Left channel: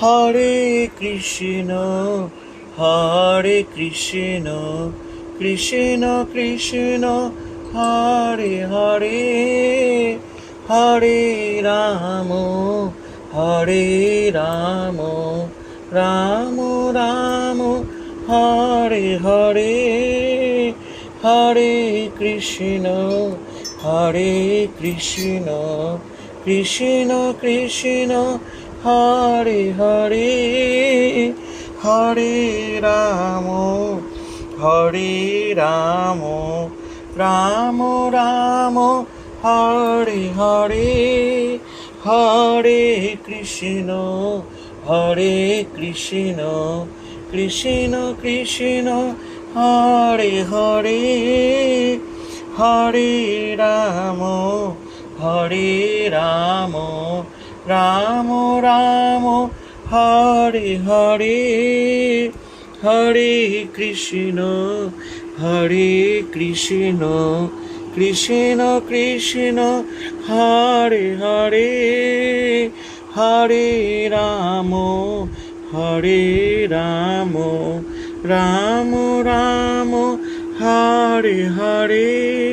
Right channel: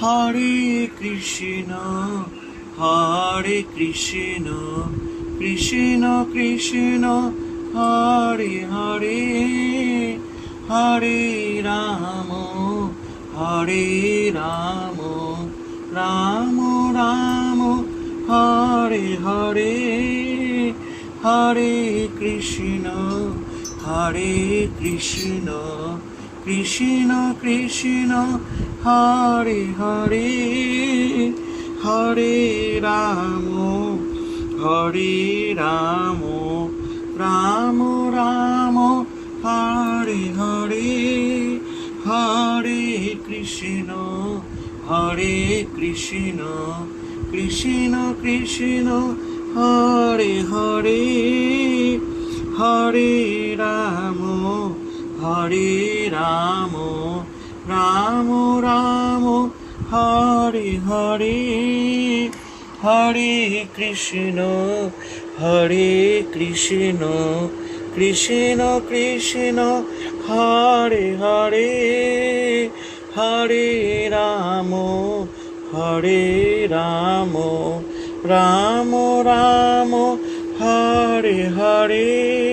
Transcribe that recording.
Hare Krishna Hare Krishna Krishna Krishna Hare Hare Hare Ram Hare Ram Ram Ram Hare Hare Hare Krishna Krishna Krishna Hare Hare Hare Ram Ram Ram Hare Hare Hare Krishna Krishna Krishna Hare Hare Hare Ram Ram Ram Hare Hare Hare Krishna Krishna Krishna Hare Hare Hare Ram Ram Ram Hare Hare.